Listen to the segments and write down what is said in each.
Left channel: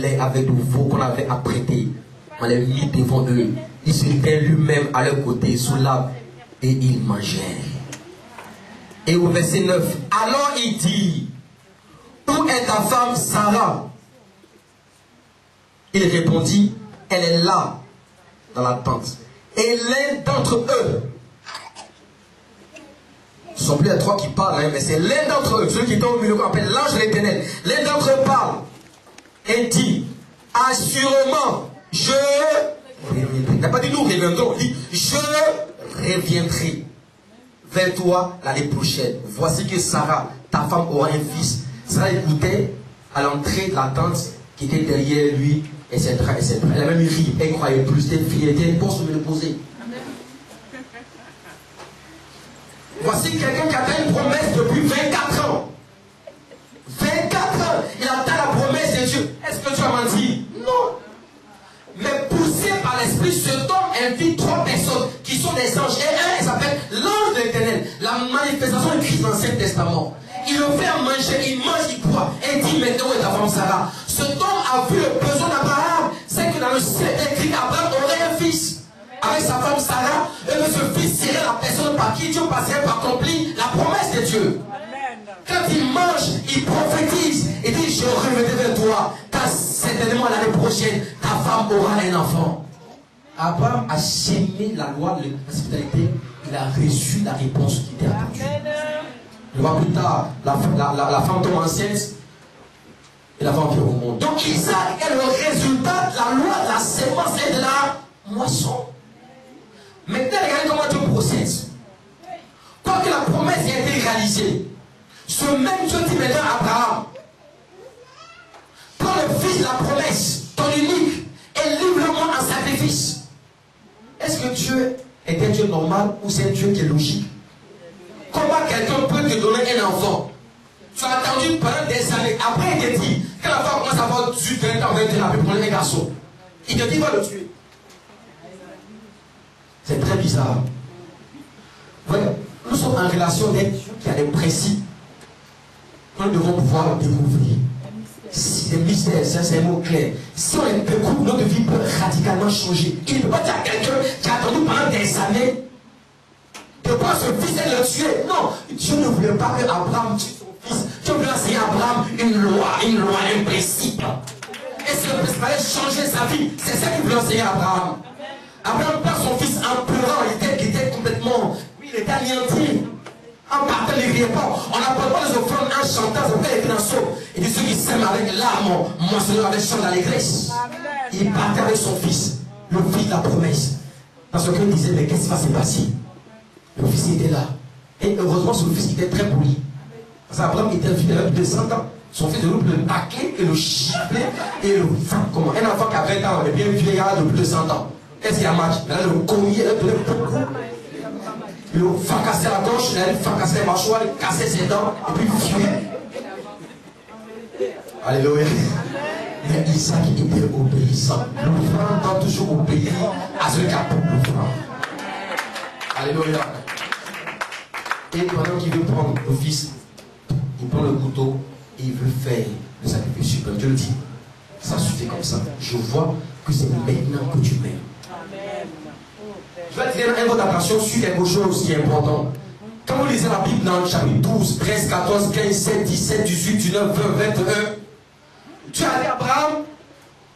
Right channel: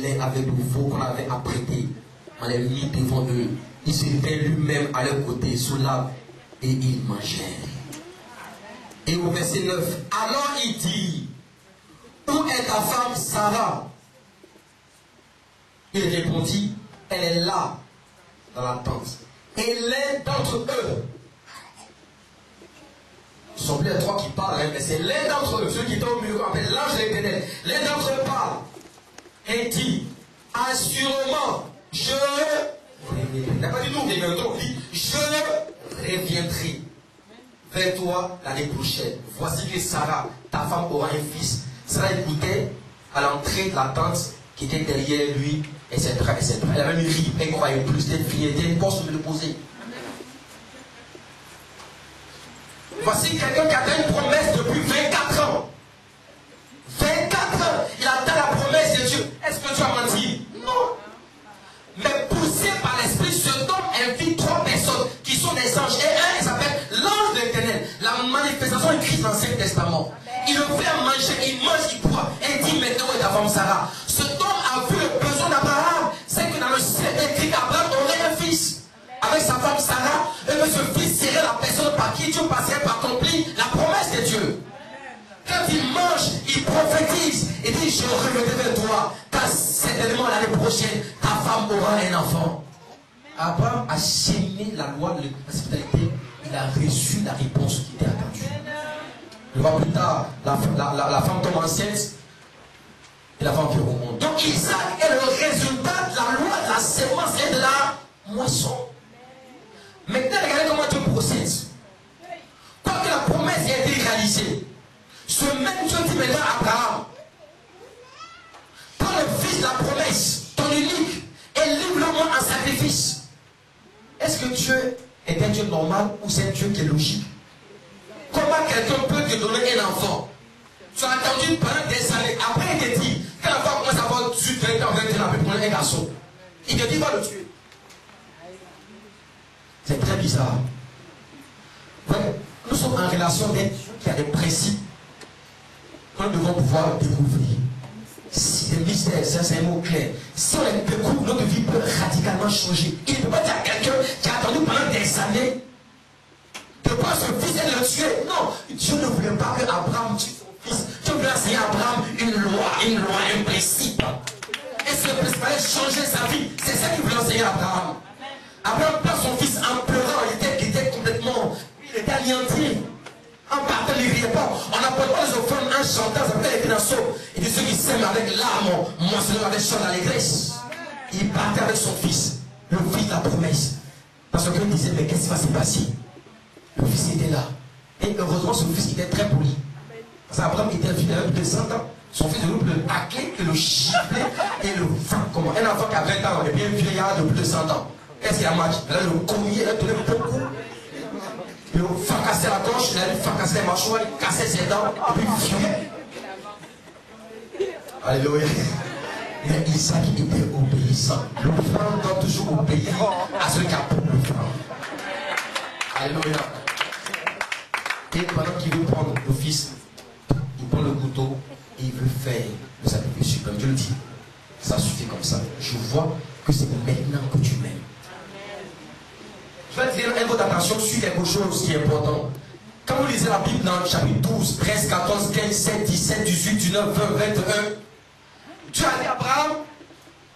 lait avec du veau qu'on avait apprêté. On les mit devant eux. Il se tint lui-même à leur côté sous l'arbre et ils mangèrent. Et au verset 9, alors il dit, où est ta femme Sarah? Il répondit, elle est là, dans la tente. Et l'un d'entre eux, ce ne sont plus les trois qui parlent, mais c'est l'un d'entre eux, ceux qui sont au milieu qu'on appelle l'ange de l'Éternel. L'un d'entre eux parle et dit, assurément, je reviendrai. Il n'a pas dit nous reviendrons, il dit, je reviendrai vers toi l'année prochaine. Voici que Sarah, ta femme, aura un fils. Sarah écoutait à l'entrée de la tente qui était derrière lui, etc. etc. Elle a même ri, elle ne croyait plus, c'était fini, elle était une poste de me poser. Voici quelqu'un qui attend une promesse depuis 24 ans. 24 ans, il attend la promesse de Dieu. Est-ce que tu as menti? Non. Mais poussé par l'esprit, cet homme invite 3 personnes qui sont des anges. Et un, il s'appelle l'ange de l'Éternel. La manifestation de Christ dans l'Ancien Testament. Il le fait manger, il mange, il boit. Et il dit maintenant où est ta femme Sarah? Cet homme a vu le besoin d'Abraham. C'est que dans le ciel écrit qu'Abraham aurait un fils. Avec sa femme Sarah, et que ce fils serait la personne par qui Dieu passerait par accomplir la promesse de Dieu. Quand il mange, il prophétise. Il dit, je reviendrai vers toi, car certainement l'année prochaine, ta femme aura un enfant. Abraham a chaîné la loi de l'hospitalité. Il a reçu la réponse qui était attendue. On voit plus tard, la femme tombe enceinte et la femme vient au monde. Donc Isaac est le résultat de la loi de la sémence et de la moisson. Maintenant, regardez comment Dieu procède. Quoique la promesse ait été réalisée, ce même Dieu dit maintenant à Abraham, prends le fils de la promesse, ton unique, et livre-moi en sacrifice. Est-ce que Dieu est un Dieu normal ou c'est un Dieu qui est logique? Comment quelqu'un peut te donner un enfant? Tu as attendu pendant des années. Après, il te dit, quand la femme commence à avoir 18, 20 ans, 21 ans, pour donner un garçon, il te dit, va le tuer. C'est très bizarre. Voilà. Nous sommes en relation avec Dieu qui a des principes que nous devons pouvoir découvrir. C'est des mystères, c'est un mot clair. Si on les découvre, notre vie peut radicalement changer. Il ne peut pas dire à quelqu'un qui a attendu pendant des années de prendre son fils et de le tuer. Non, Dieu ne voulait pas que Abraham tue son fils. Dieu voulait enseigner à Abraham une loi, un principe. Et ce principe allait changer sa vie. C'est ça qu'il voulait enseigner à Abraham. Abraham perd son fils en pleurant, il était complètement, il était anéanti. En partant, il ne riait pas. On n'apporte pas les offrandes en chantant, ça fait les financeaux. Il dit ceux qui s'aiment avec larmes, moissonneur avec chant d'allégresse. Il partait avec son fils, le fils de la promesse. Parce qu'il disait, mais qu'est-ce qui va se passer? Le fils était là. Et heureusement, son fils était très poli. Parce qu'Abraham était fidèle depuis 200 ans. Son fils de loup le taclait et le chifflait et le frappe comme un enfant qui a 20 ans, et bien vieillard depuis 200 ans. Qu'est-ce qu'il a marché? Elle a le cogné, elle a donné beaucoup. Il a fracassé la gauche, il a fracassé les mâchoires, il a cassé ses dents, et puis il fuit. Alléluia. Mais Isaac était obéissant. L'offrande doit toujours obéir à ce qui a pour l'offrande. Alléluia. Et pendant qu'il veut prendre le fils, il prend le couteau et il veut faire le sacrifice suprême. Dieu le dit, ça suffit comme ça. Je vois que c'est maintenant que tu m'aimes. Je vais attirer votre attention sur quelque chose qui est important. Quand vous lisez la Bible dans le chapitre 12, 13, 14, 15, 16, 17, 18, 19, 20, 21, tu as dit à Abraham,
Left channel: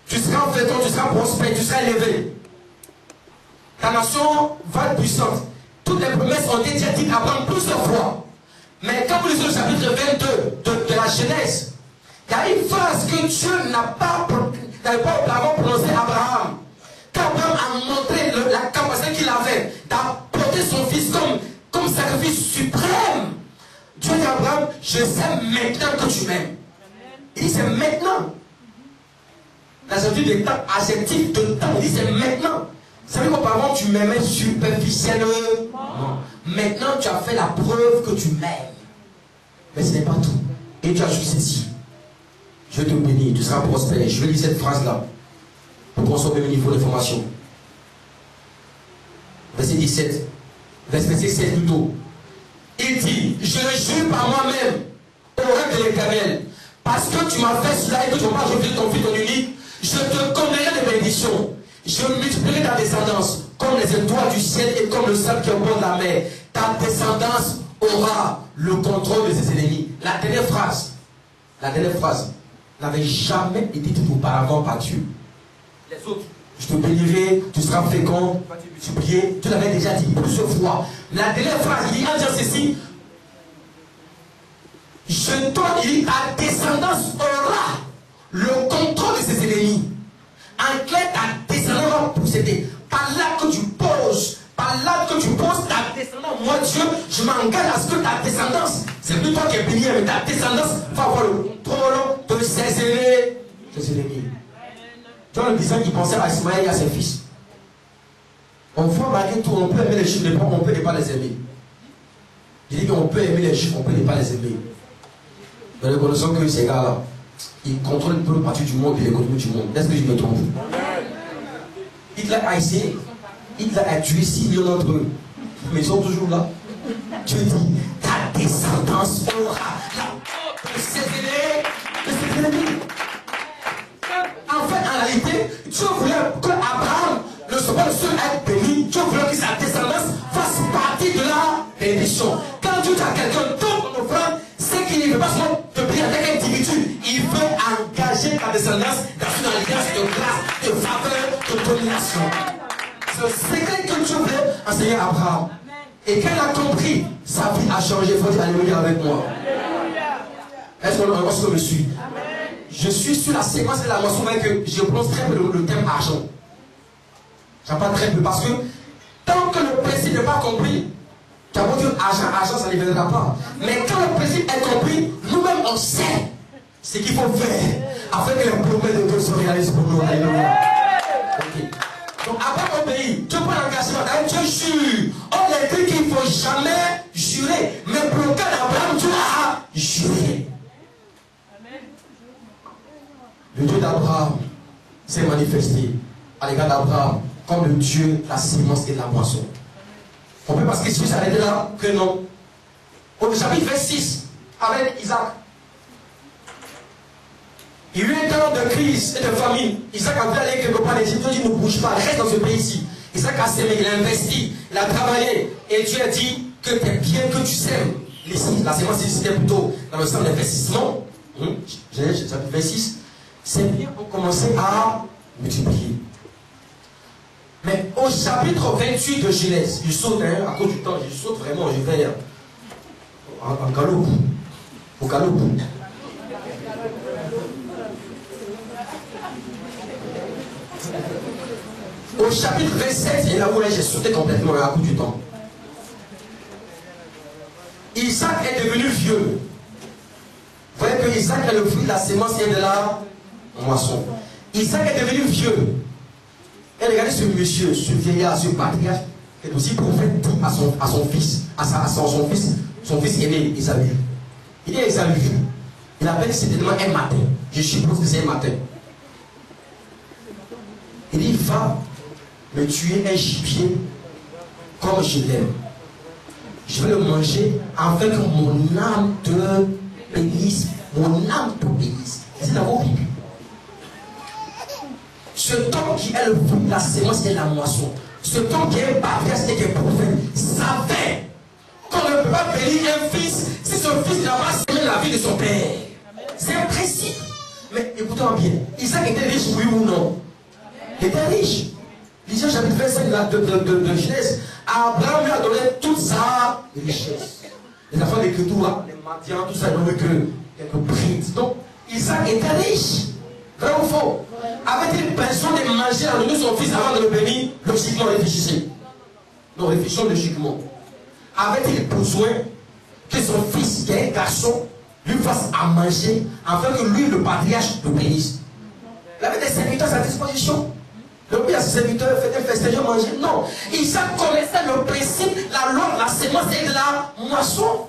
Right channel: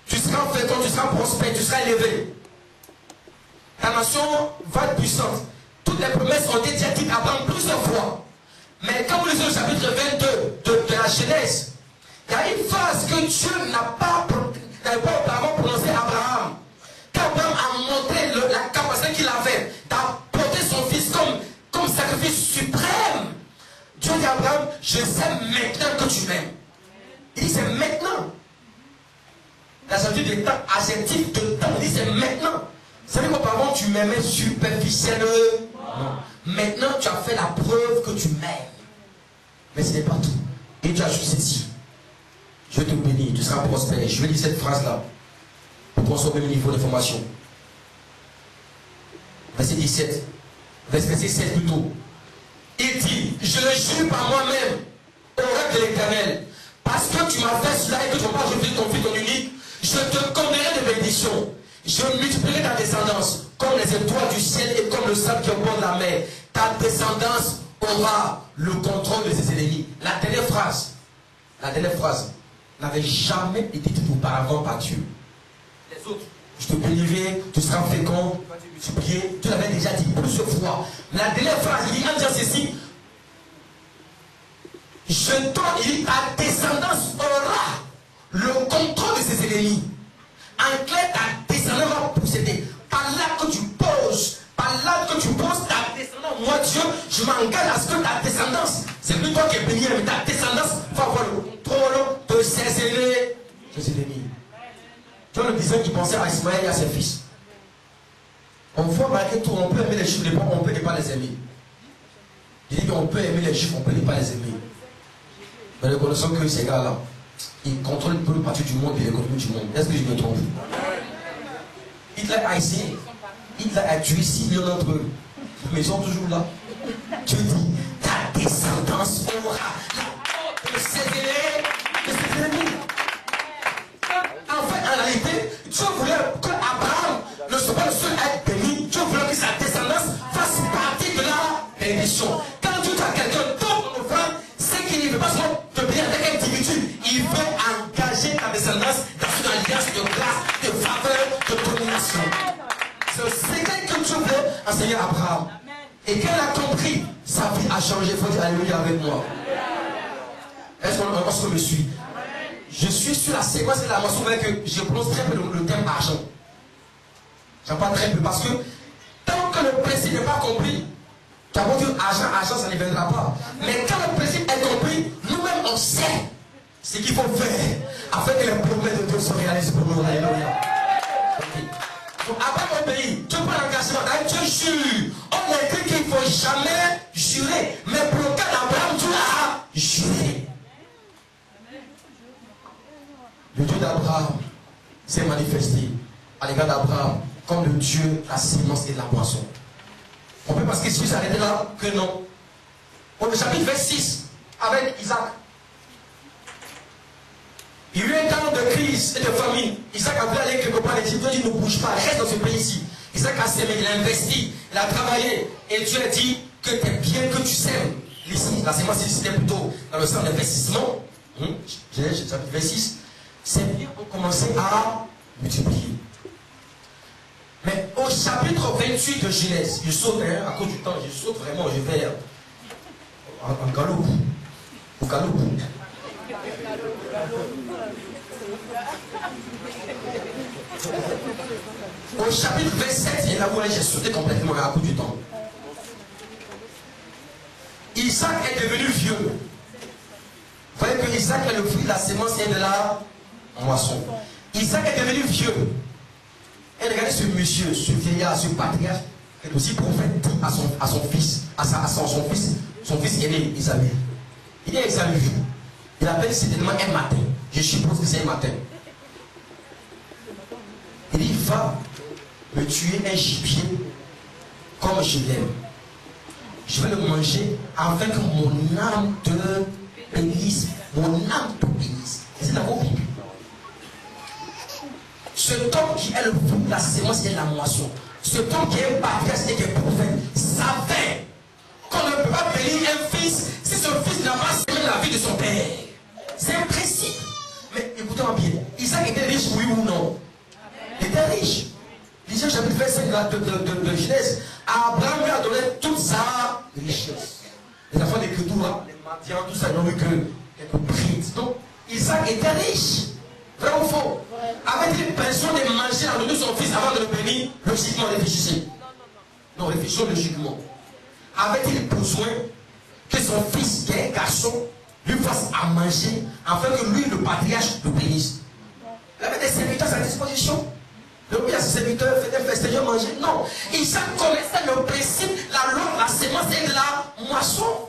tu seras fécond, tu seras prospère, tu seras élevé. Ta nation va être puissante. Toutes les promesses ont été dites à Abraham plusieurs fois. Mais quand vous lisez le chapitre 22 de la Genèse, il y a une phrase que Dieu n'avait pas auparavant prononcée à Abraham. Abraham a montré la capacité qu'il avait d'apporter son fils comme sacrifice suprême. Dieu dit à Abraham, je sais maintenant que tu m'aimes. Il dit c'est maintenant. L'adjectif des temps, adjectif de temps, il dit c'est maintenant. Ça veut dire qu'auparavant tu m'aimais superficiellement. Maintenant tu as fait la preuve que tu m'aimes. Mais ce n'est pas tout. Et tu as juste ceci. Je te bénis, tu seras prospère. Je vais dire cette phrase-là. Pour qu'on soit au même niveau de formation. Verset 17. Verset 16 plutôt. Il dit, je le jure par moi-même, au roi de l'Éternel, par parce que tu m'as fait cela et que tu m'as revu ton fils, ton unique, je te connaîtrai de bénédictions. Je multiplierai ta descendance comme les étoiles du ciel et comme le sable qui bord de la mer. Ta descendance aura le contrôle de ses ennemis. La dernière phrase n'avait jamais été dite auparavant par Dieu. Les autres, je te bénirai, tu seras fécond, tu vas te multiplier. Tu l'avais déjà dit plusieurs fois. La dernière phrase, il dit en disant ceci, ta descendance aura le contrôle de ses ennemis. En clair, ta descendance va posséder. Par là que tu poses, ta descendance, moi Dieu, je m'engage à ce que ta descendance, c'est plus toi qui es béni, mais ta descendance va avoir le contrôle de ses ennemis. Tu vois le disant qui pensait à Ismaël et à ses fils. On voit malgré tout, on peut aimer les juifs, on peut ne pas les aimer. Il dit qu'on peut aimer les juifs, on peut ne pas les aimer. Mais reconnaissons que ces gars-là, ils contrôlent un peu le parti du monde et l'économie du monde. Est-ce que je me trompe? Hitler a essayé. Hitler a tué 6 millions d'entre eux. Mais ils sont toujours là. Dieu dit, ta descendance aura la de ses ennemis. En fait, en réalité, Dieu voulait que Abraham ne soit pas le seul à être béni. Dieu voulait que sa descendance fasse partie de la bénédiction. Quand Dieu dit à quelqu'un, ton offrande, c'est qu'il ne veut pas seulement te bénir avec un individu. Il veut engager ta descendance dans une alliance de grâce, de faveur, de domination. C'est le secret que Dieu voulait enseigner à Abraham. Et quand il a compris, sa vie a changé. Il faut dire alléluia avec moi. Est-ce qu'on me suit? Je suis sur la séquence de la moisson, mais que je prononce très peu le terme argent. J'en parle très peu parce que tant que le principe n'est pas compris, tu as beau dire argent, ça ne viendra pas. Mais quand le principe est compris, nous-mêmes on sait ce qu'il faut faire afin que les promesses de Dieu se réalisent pour nous. Alléluia. Okay. Donc après mon pays, Dieu prend l'engagement, Dieu jure. On a dit qu'il ne faut jamais jurer. Mais pour le cas d'Abraham, Dieu a juré. Le Dieu d'Abraham s'est manifesté à l'égard d'Abraham comme le Dieu de la sémence et de la moisson. On peut parce que si s'arrêter là, que non. Au chapitre 26, avec Isaac, il y a eu un temps de crise et de famine. Isaac a voulu aller quelque part, les Égyptiens dit ne bouge pas, reste dans ce pays-ci. Isaac a sémé, il a investi, il a travaillé. Et Dieu a dit que tes biens que tu sèmes, la sémence c'était plutôt dans le sens d'investissement. Chapitre 26. Ces biens ont commencé à multiplier. Mais au chapitre 28 de Genèse, je saute à cause du temps, je saute vraiment, je vais en galop. Au galop. Au chapitre 27, et là où j'ai sauté complètement à cause du temps. Isaac est devenu vieux. Vous voyez que Isaac est le fruit de la sémence et de la moisson. Isaac est devenu vieux. Et regardez ce monsieur, ce vieillard, ce patriarche, qui est aussi prophète, dit à son fils, son fils aîné, Isaïe. Il dit à Isaïe, il appelle certainement un matin. Je suppose que c'est un matin. Il dit, va me tuer un gibier comme je l'aime. Je vais le manger afin que mon âme te bénisse. Mon âme te bénisse. C'est dans vos Bibles. Ce homme qui est le fruit de la sémence et de la moisson, ce homme qui est patriarche et qui est prophète, savait qu'on ne peut pas bénir un fils si son fils n'a pas sémé la vie de son père. C'est un principe. Mais écoutez-moi bien, Isaac était riche, oui ou non? Il était riche. Lisez chapitre 25 de Genèse. Abraham lui a donné toute sa richesse. Les enfants d'écriture, les mendiants, tout ça, ils n'ont vu que quelques brides. Donc, Isaac était riche. Vrai ou faux? Avait-il besoin de manger à donner son fils avant de le bénir? Logiquement, réfléchissez. Non, réfléchissons logiquement. Avait-il besoin que son fils, qui est un garçon, lui fasse à manger afin que lui, le patriarche, le bénisse? Il avait des serviteurs à sa disposition. Le pays à ses serviteurs faisait fester, manger. Non. Isaac connaissait le principe, la loi, la sémence et de la moisson.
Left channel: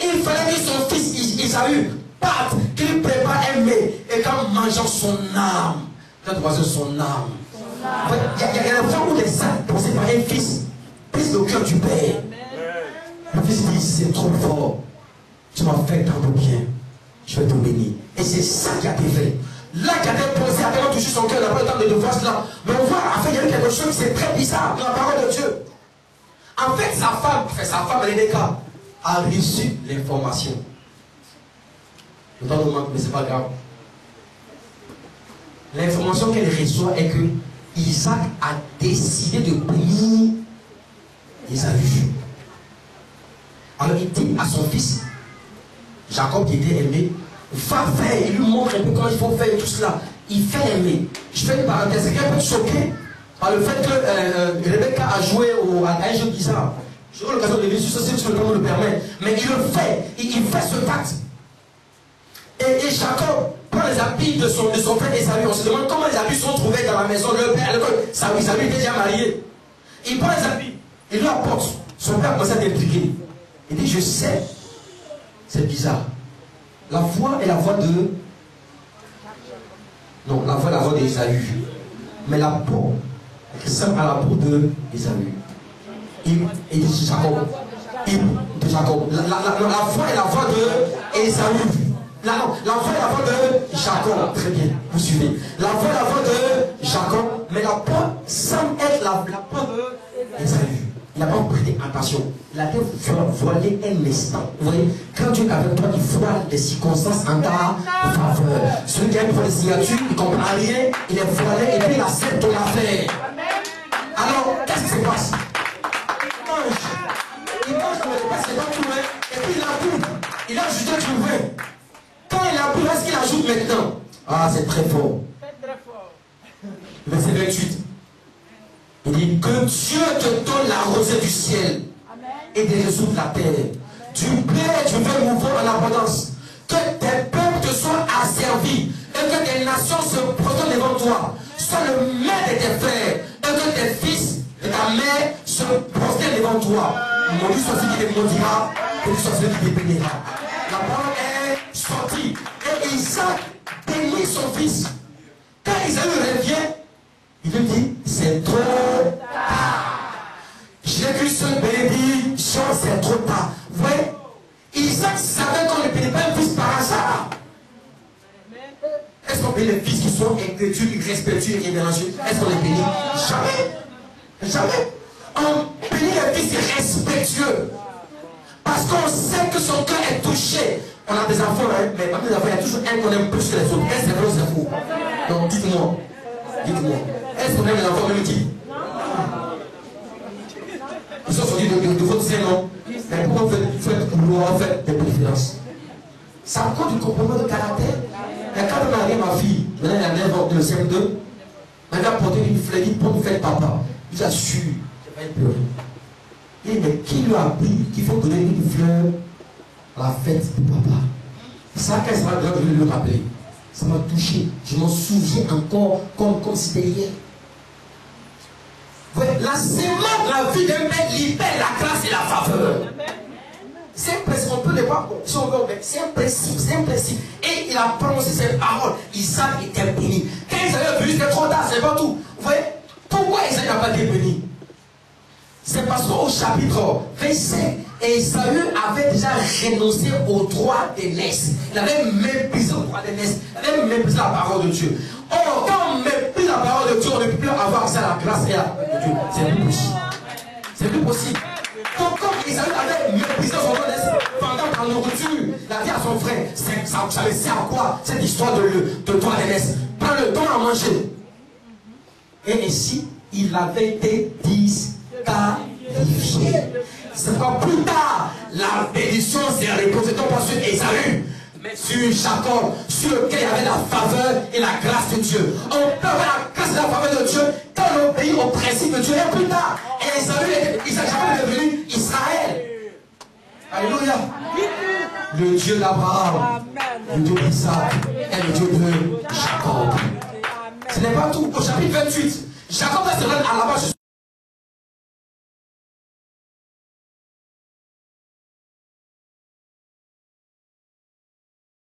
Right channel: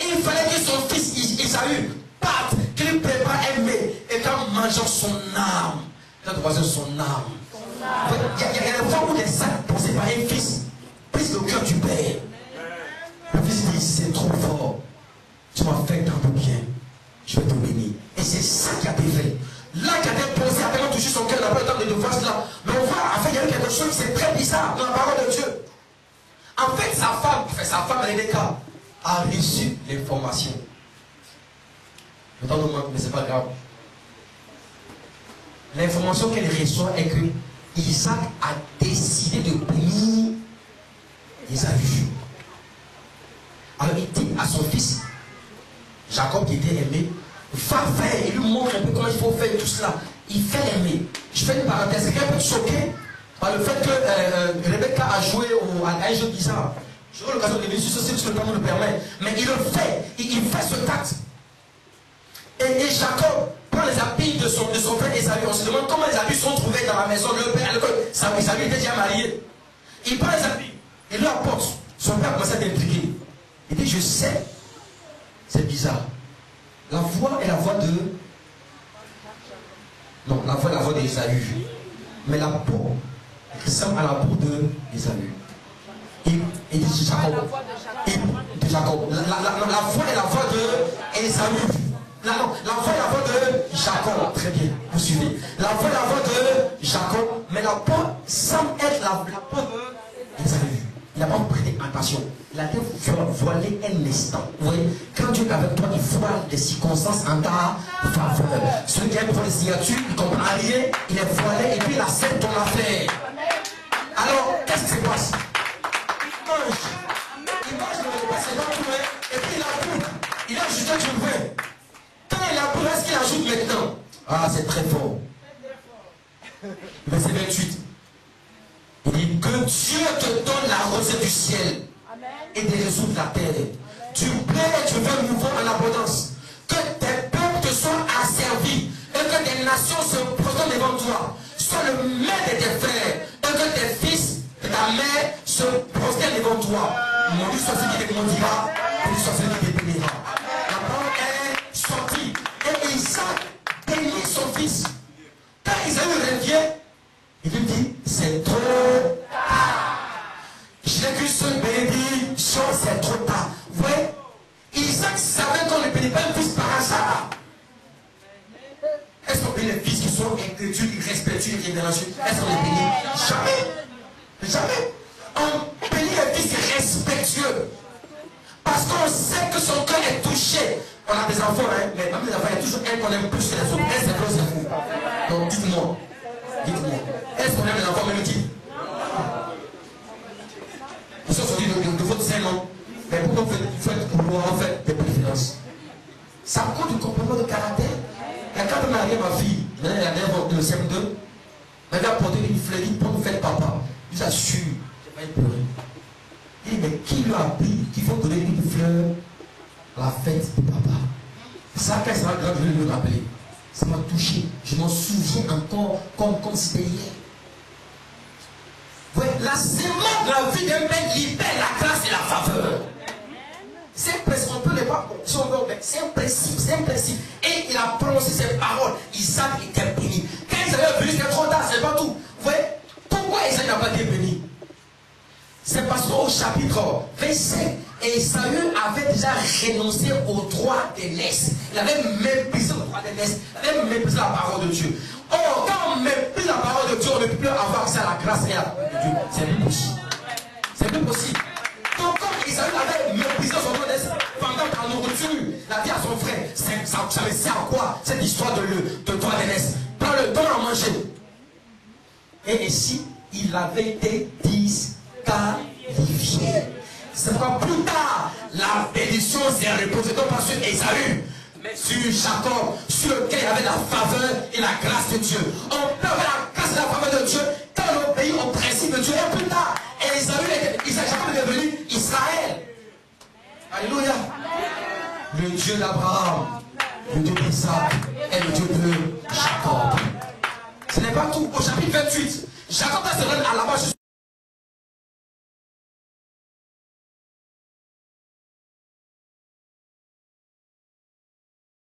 Et il fallait que son fils Isaïe parte, qu'il prépare un mets et qu'en mangeant son âme, il a croisé son âme. Il y a des fois où les sacs pensés par un fils prise le cœur du père. Le fils dit, c'est trop fort. Tu m'as fait tant de bien. Je vais te bénir. Et Et c'est ça qui a été fait. Là, qui a été posé, a tellement touché son cœur, il n'a pas le temps de voir cela. Mais on voit, en fait, il y a eu quelque chose qui est très bizarre dans la parole de Dieu. En fait, sa femme, Rebecca, a reçu l'information. Le temps nous manque, mais ce n'est pas grave. L'information qu'elle reçoit est que Isaac a décidé de bénir Ésaü. Alors il dit à son fils, Jacob qui était aimé, va faire, il lui montre un peu comment il faut faire tout cela. Il fait l'aimer. Je fais une parenthèse, quelqu'un peut être choqué par le fait que Rebecca a joué à un jeu bizarre. J'aurai l'occasion de le dire sur ce si le temps nous le permet. Mais il le fait, il fait ce acte. Et Jacob prend les habits de son frère Ésaü. On se demande comment les habits sont trouvés dans la maison de leur père. Ésaü était déjà marié. Il prend les habits, il lui apporte. Son père commence à t'intriguer. Il dit, je sais, c'est bizarre. La voix est la voix de... Non, la voix est la voix d'Ésaü. Mais la peau ressemble à la peau d'Ésaü. Et dit Jacob. De Jacob. La voix est la voix d'Ésaü. La voix est la voix de Jacob. Très bien, vous suivez. La voix est la voix de Jacob. Mais la peau semble être la peau d'Ésaü. Il n'a pas prêté attention. Il a été voilé un instant. Vous voyez, quand Dieu est avec toi, il voile les circonstances en ta faveur. Celui qui a une voile de signature, il ne comprend rien, il est voilé et puis il accepte ton affaire. Alors, qu'est-ce qui se passe? Il mange le précédent tout, et puis il ajoute. Il a ajouté du vin. Quand il ajoute, est-ce qu'il ajoute maintenant? Ah, c'est très fort. Verset 28. Il dit que Dieu te donne la rosée du ciel. Amen. Et des réseaux de la terre. Tu plais et tu veux nouveau en abondance. Que tes peuples te soient asservis et que tes nations se prosternent devant toi. Sois le maître de tes frères et que tes fils et ta mère se prosternent devant toi. Mon Dieu soit celui qui te maudira et Dieu soit celui qui te bénira. La parole est sortie et Isaac bénit son fils. Quand Isaïe revient, il lui dit, c'est trop tard. Jésus bénédiction, c'est trop tard. Vous voyez, Isaac savait qu'on ne bénit pas un fils par hasard. Est-ce qu'on bénit les fils qui sont intellectuels, respectueux et révérencieux? Est-ce qu'on les bénit? Jamais. Jamais. On bénit les fils respectueux. Parce qu'on sait que son cœur est touché. On a des enfants, hein, mais parmi les enfants, il y a toujours un qu'on aime plus que les autres. Un, c'est vrai, c'est fou. Donc, dites-moi. Dites-moi. Est-ce qu'on aime les enfants multiples? Ils sont sortis de votre sein, non? Mais pourquoi vous faites des préférences? Ça me compte du comportement de caractère. Et quand on arrive ma fille, elle a 9 ans, le CM2, elle a porté une fleur, il dit, pour me faire papa. Il dit, assure, je vais pas pleurer. Il dit, mais qui lui a appris qu'il faut donner une fleur à la fête de papa? Ça, quand ça va grave, je vais le rappeler. Ça m'a touché. Je m'en souviens encore comme c'était hier. La sémence de la vie d'un mec libère la grâce et la faveur. C'est un principe, on peut les voir, si on veut, c'est un principe, c'est un principe. Et il a prononcé ces paroles. Isaac était béni. Quand ils avaient venu, c'était trop tard, c'est pas tout. Vous voyez, pourquoi Isaac n'a pas été béni? C'est parce qu'au chapitre 27, Ésaü avait déjà renoncé au droit d'aînesse. Il avait méprisé le droit d'aînesse. Il avait méprisé la parole de Dieu. Or, quand on méprise la parole de Dieu, on ne peut plus avoir accès à la grâce et à la parole de Dieu. C'est plus possible. C'est plus possible. Donc, quand Ésaü avait méprisé son droit d'aînesse pendant la nourriture, il a dit à son frère, ça me sert à quoi cette histoire de droit d'aînesse? Prends le don à manger. Et ainsi, il avait été disqualifié. C'est pas plus tard, la bénédiction s'est reposée non pas sur Ésaü, mais sur Jacob, sur lequel il y avait la faveur et la grâce de Dieu. On peut avoir la grâce et la faveur de Dieu quand on obéit au principe de Dieu. Et plus tard, Jacob est devenu Israël. Alléluia. Le Dieu d'Abraham, le Dieu d'Isaac et le Dieu de Jacob. Ce n'est pas tout. Au chapitre 28, Jacob va se rendre à la base.